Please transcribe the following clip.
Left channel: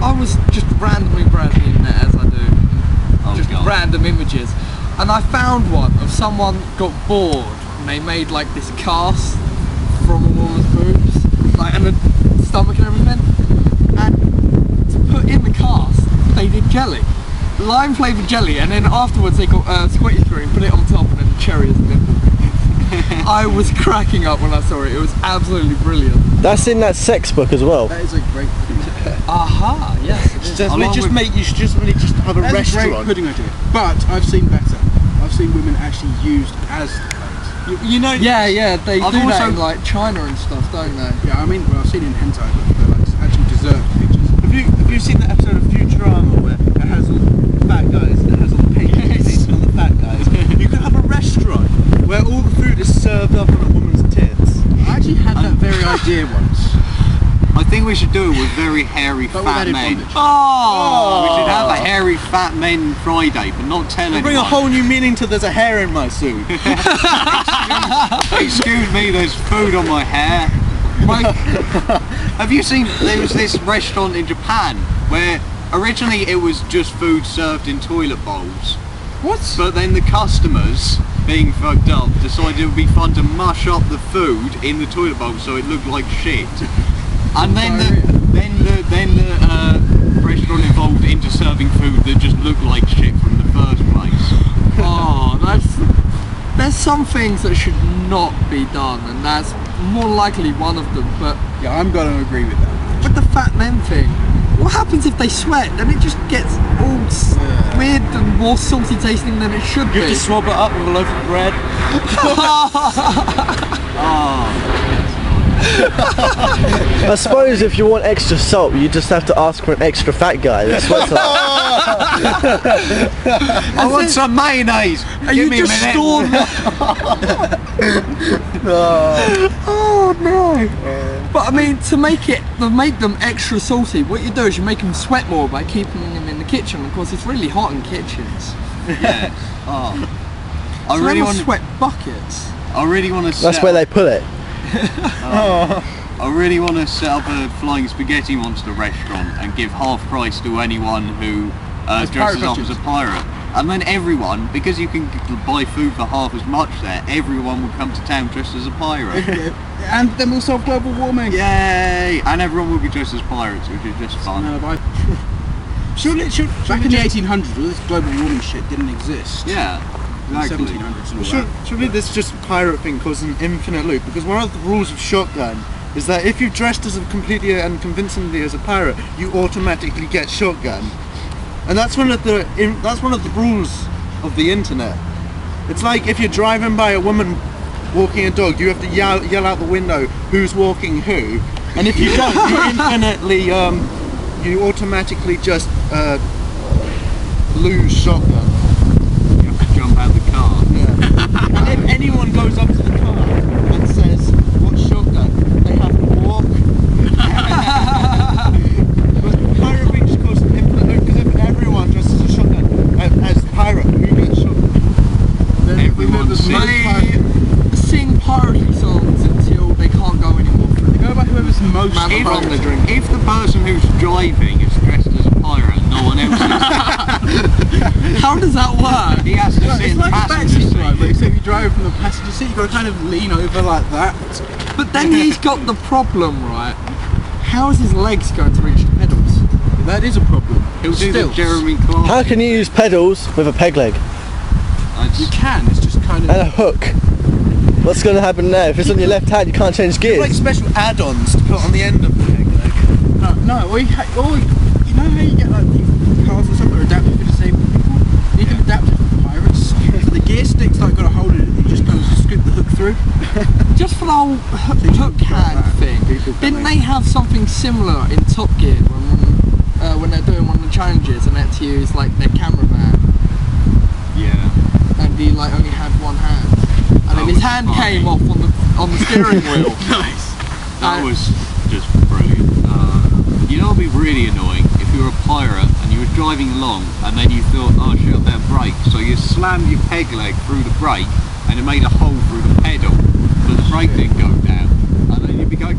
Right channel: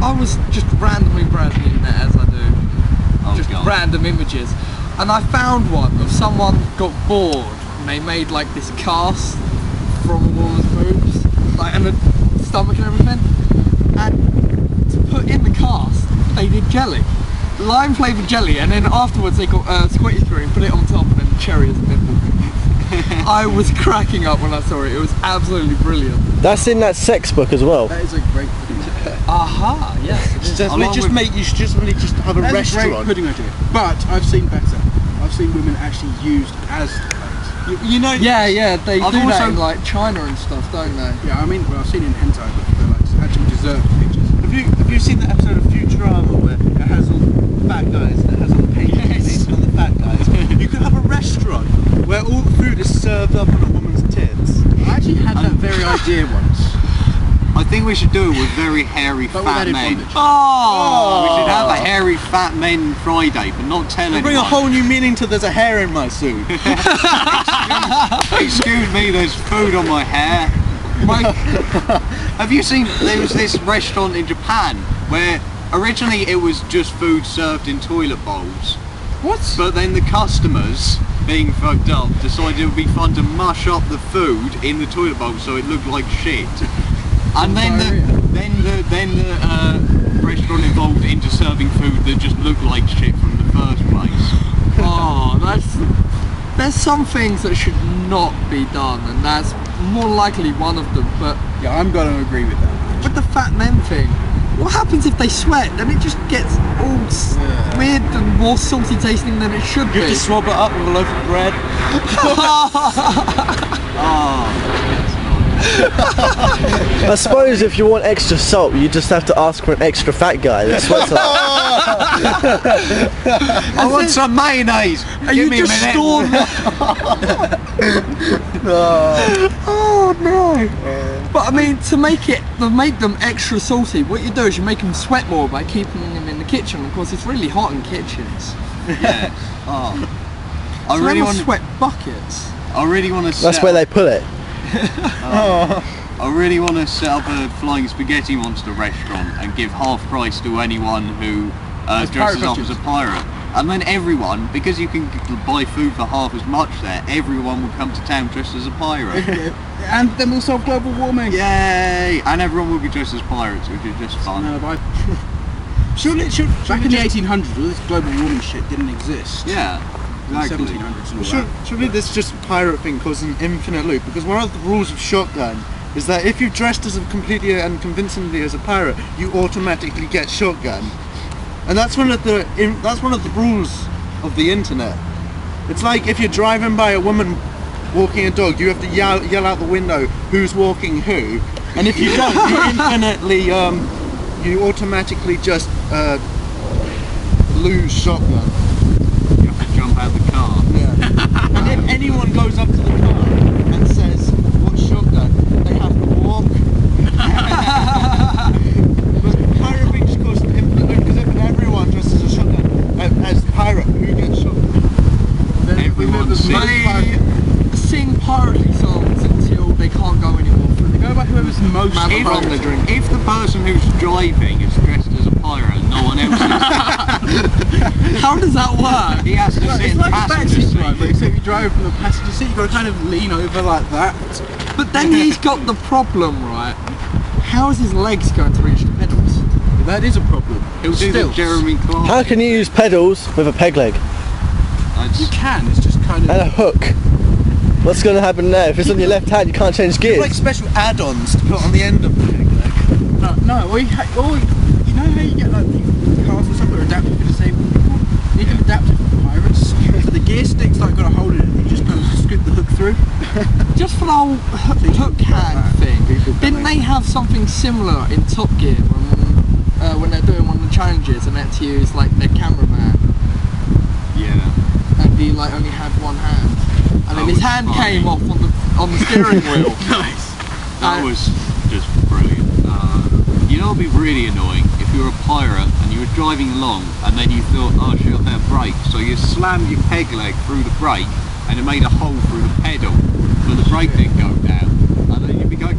I was just randomly browsing the internet as I do, random images, and I found one of someone got bored and they made like this cast from a woman's boobs, like and the stomach and everything, and to put in the cast they did jelly, lime flavoured jelly, and then afterwards they got squirty through and put it on top and then cherry as a nipple. I was cracking up when I saw it. It was absolutely brilliant. That's in that sex book as well. That is a great pudding. Aha, yes. You should just really have a restaurant. Great pudding idea. But I've seen better. I've seen women actually used as plates. You know. Yeah, they do that in like China and stuff, don't they? Yeah, I mean, well, I've seen it in hentai, but they're like actual dessert pictures. Have you seen the episode of Futurama where it has all the fat guys and it has all the paintings on the fat guys? You could have a restaurant where all the food is served up on a woman's tits. I actually had that very idea once. I think we should do it with very hairy fat men. Oh! We should have a hairy fat men Friday, but not tell anyone. Bring a whole new meaning to there's a hair in my suit. Excuse me, there's food on my hair. Have you seen, there was this restaurant in Japan where originally it was just food served in toilet bowls. What? But then the customers, being fucked up, decided it would be fun to mush up the food in the toilet bowl so it looked like shit. And then the restaurant evolved into serving food that just looked like shit from the first place. Oh, there's some things that should not be done, and that's more likely one of them. But yeah, I'm going to agree with that. With the fat men thing, what happens if they sweat? Then it just gets all weird and more salty tasting than it should be. You just swab it up with a loaf of bread. I suppose if you want extra salt, you just have to ask for an extra fat guy that sweats a lot. I want some mayonnaise. Give me a minute. Oh no! But I mean, to make them extra salty, what you do is you make them sweat more by keeping them in the kitchen. Of course, it's really hot in kitchens. Yeah. I really want sweat buckets. I really want to. That's where they put it. I really want to set up a flying spaghetti monster restaurant and give half price to anyone who dresses up as a pirate. And then everyone, because you can buy food for half as much there, everyone will come to town dressed as a pirate. And then we'll solve global warming. Yay! And everyone will be dressed as pirates, which is just fun. Back in the 1800s, all this global warming shit didn't exist. Yeah. Exactly. 1700s and all that. Surely this just pirate thing causes an infinite loop, because one of the rules of shotgun is that if you've dressed as completely and convincingly as a pirate, you automatically get shotgun, and that's one of the rules of the internet. It's like if you're driving by a woman walking a dog, you have to yell out the window who's walking who, and if you don't, you infinitely you automatically just lose shotgun. Jump out the car. Yeah. And if anyone goes up to the car and says, "What's shotgun?" they have to walk. But pirate thing just causes an infinite loop, because if everyone dresses as a shotgun, as pirate, who gets shotgun? Then everyone sing piratey songs until they can't go anymore. They go by whoever's most if the person who's driving is dressed as a pirate and no one else is, how does that work? He has to sit in the passenger seat. Driver, except you drive from the passenger seat, you've got to kind of lean over like that. But then he's got the problem, right? How is his legs going to reach the pedals? That is a problem. He'll do the Jeremy Clark. How can you use pedals with a peg leg? You can, it's just kind of... And a hook. What's going to happen there? If it's on your left hand, you can't change gears. Like special add-ons to put on the end of the peg leg. No, or you know how you get like the cars and stuff that are adapted for disabled people? You can adapt it for pirates. So the gear stick's like got a hole in it, and you just kind of scoop the hook through. Just for the whole hook hand thing, didn't they have something similar in Top Gear when they're doing one of the challenges and they had to use like their cameraman? Yeah. And he like only had one hand. And then his hand came off on the steering wheel. Nice. That was just brilliant. You know, it'd be really annoying if you were a pirate and you were driving along and then you thought, oh shit, I better brake. So you slammed your peg leg through the brake and it made a hole through the pedal, but the brake didn't go down. And then you'd be going,